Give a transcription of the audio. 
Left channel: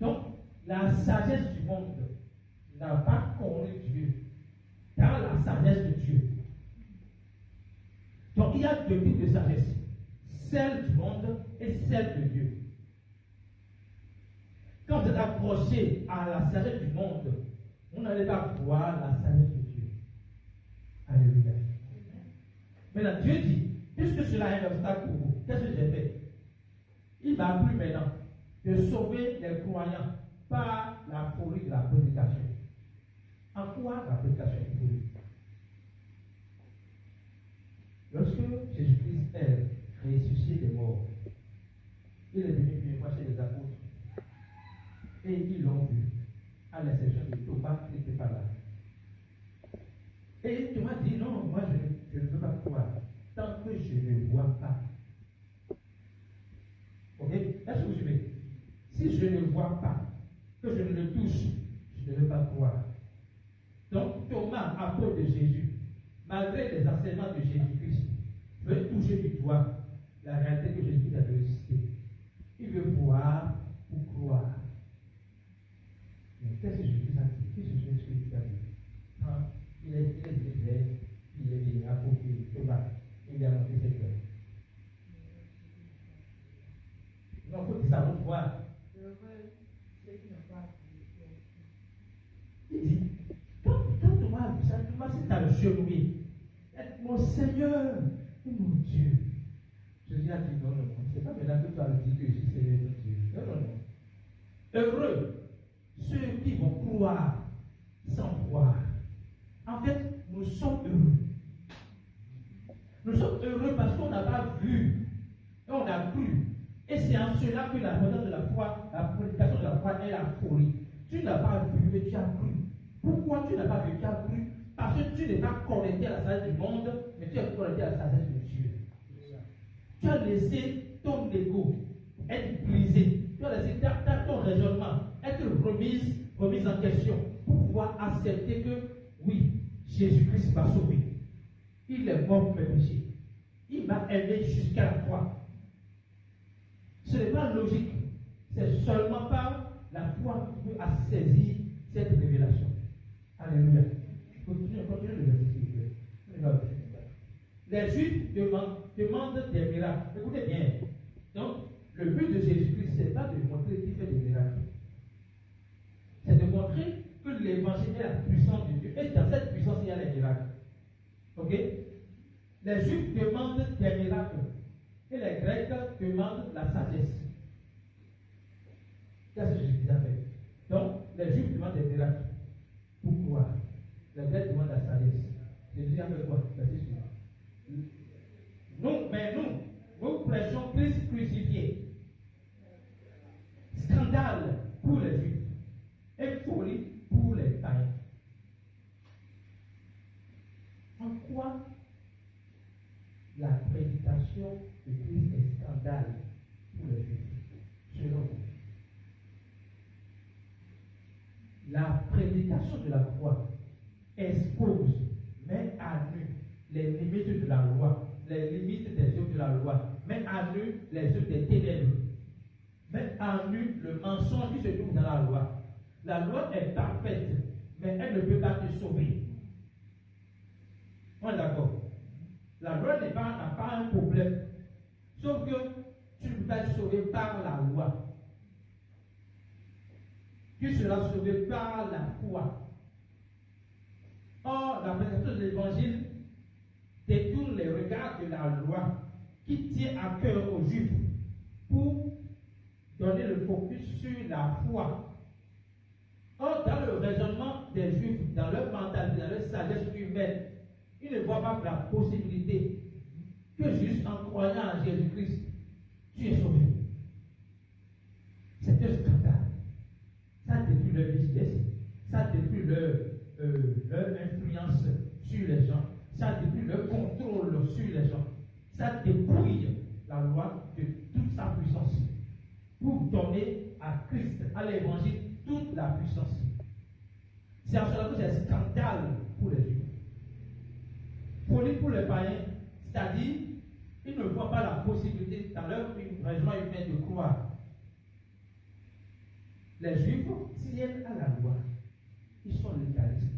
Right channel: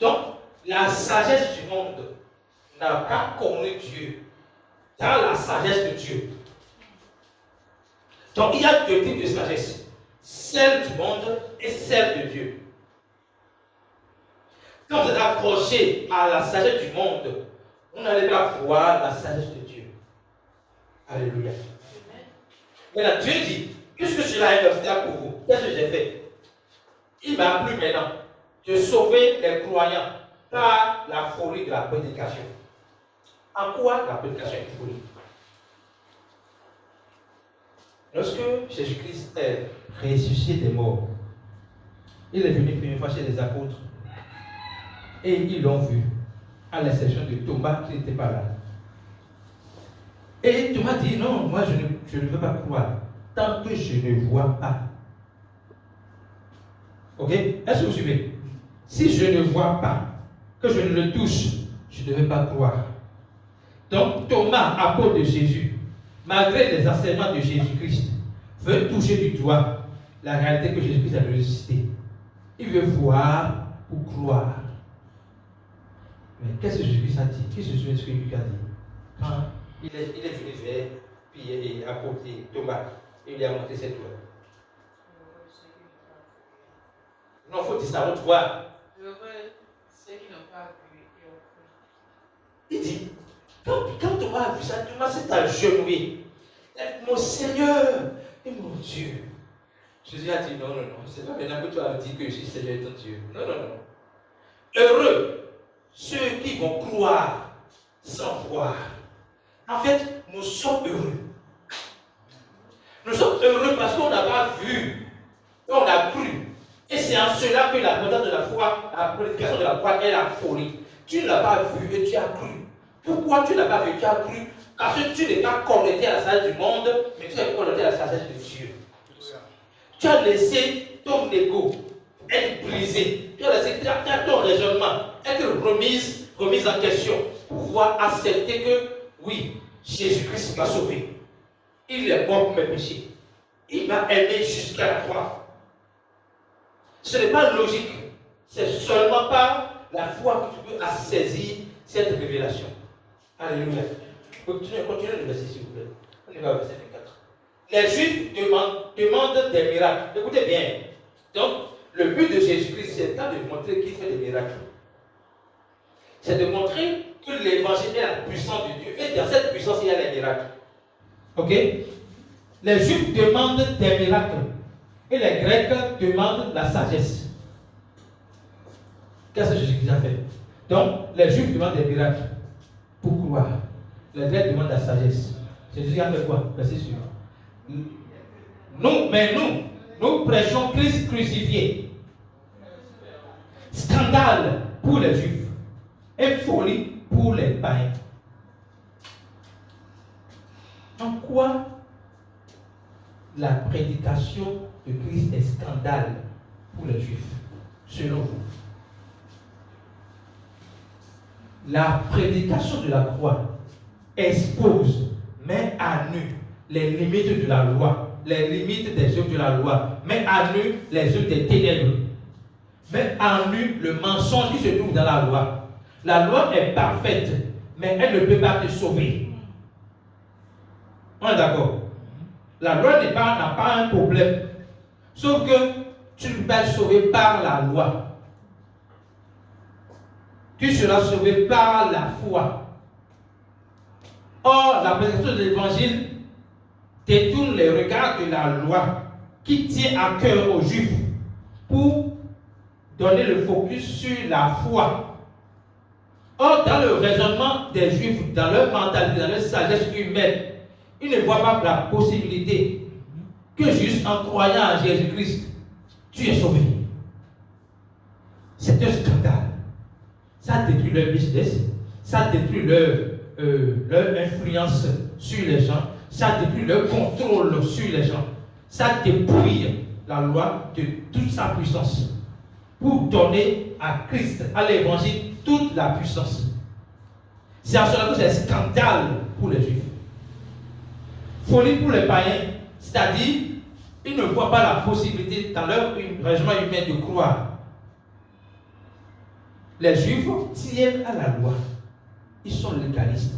Donc, la sagesse du monde n'a pas connu Dieu dans la sagesse de Dieu. Donc, il y a deux types de sagesse, celle du monde et celle de Dieu. Quand vous êtes accroché à la sagesse du monde, vous n'allez pas voir la sagesse de Dieu. Alléluia. Maintenant, Dieu dit, puisque cela est un obstacle pour vous, qu'est-ce que j'ai fait? Il m'a plu maintenant de sauver les croyants par la folie de la prédication. En quoi la prédication est une folie? Lorsque Jésus-Christ est ressuscité des morts, il est venu une première fois chez les apôtres et ils l'ont vu, à l'exception de Thomas qui n'était pas là. Et Thomas dit, non, moi je ne veux pas croire tant que je ne vois pas. Ok? Est-ce que vous suivez? Si je ne vois pas, que je ne le touche, je ne vais pas croire. Donc Thomas, apôtre de Jésus, malgré les enseignements de Jésus-Christ, veut toucher du doigt la réalité que Jésus-Christ a ressuscité. Il veut voir pour croire. Mais qu'est-ce que Jésus-Christ a dit? Qui se souvient de ce que Jésus a dit? Quand il est venu vers Pierre et apôtre Thomas, il lui a montré ses doigts. Non, il faut dire ça à haute voix. Il dit, quand Thomas a vu ça, Thomas s'est agenouillé. Mon Seigneur et mon Dieu. Jésus a dit, non, c'est pas maintenant que tu vas me dire que je suis Seigneur et ton Dieu. Non. Heureux ceux qui vont croire sans voir. En fait, nous sommes heureux. Nous sommes heureux parce qu'on n'a pas vu, et on a cru. Et c'est en cela que la méthode de la foi, la prédication de la foi est la folie. Tu ne l'as pas vu et tu as cru. Pourquoi tu ne l'as pas vu et tu as cru? Parce que tu n'es pas connecté à la sagesse du monde, mais tu es connecté à la sagesse de Dieu. Tu as laissé ton ego être brisé. Tu as laissé ton raisonnement être remise en question pour pouvoir accepter que oui, Jésus-Christ m'a sauvé. Il est mort pour mes péchés. Il m'a aimé jusqu'à la croix. Ce n'est pas logique. C'est seulement par la foi que tu peux saisir cette révélation. Alléluia. Continuez le verset s'il vous plaît. On y va au verset 24. Les Juifs demandent des miracles. Écoutez bien. Donc, le but de Jésus-Christ, c'est pas de montrer qu'il fait des miracles. C'est de montrer que l'évangile est la puissance de Dieu. Et dans cette puissance, il y a les miracles. Ok? Les Juifs demandent des miracles. Et les Grecs demandent la sagesse. Qu'est-ce que Jésus-Christ a fait? Donc, les Juifs demandent des miracles pour croire. Les Grecs demandent la sagesse. Jésus a fait quoi? Verset suivant. Nous prêchons Christ crucifié. Scandale pour les Juifs et folie pour les païens. En quoi la prédication de Christ est scandale pour les Juifs, selon vous? La prédication de la croix expose, met à nu les limites de la loi, les limites des œuvres de la loi, met à nu les œuvres des ténèbres, met à nu le mensonge qui se trouve dans la loi. La loi est parfaite, mais elle ne peut pas te sauver. On est d'accord? La loi n'a pas un problème. Sauf que tu ne peux pas être sauvé par la loi. Tu seras sauvé par la foi. Or, la prédication de l'évangile détourne les regards de la loi qui tient à cœur aux Juifs pour donner le focus sur la foi. Or, dans le raisonnement des Juifs, dans leur mentalité, dans leur sagesse humaine, ils ne voient pas la possibilité que juste en croyant en Jésus-Christ, tu es sauvé. C'est un scandale. Ça détruit leur business, ça détruit leur influence sur les gens, ça détruit leur contrôle sur les gens, ça dépouille la loi de toute sa puissance pour donner à Christ, à l'évangile, toute la puissance. C'est en cela que c'est un scandale pour les Juifs. Folie pour les païens, c'est-à-dire, ils ne voient pas la possibilité dans leur raisonnement humain de croire. Les Juifs tiennent à la loi. Ils sont légalistes.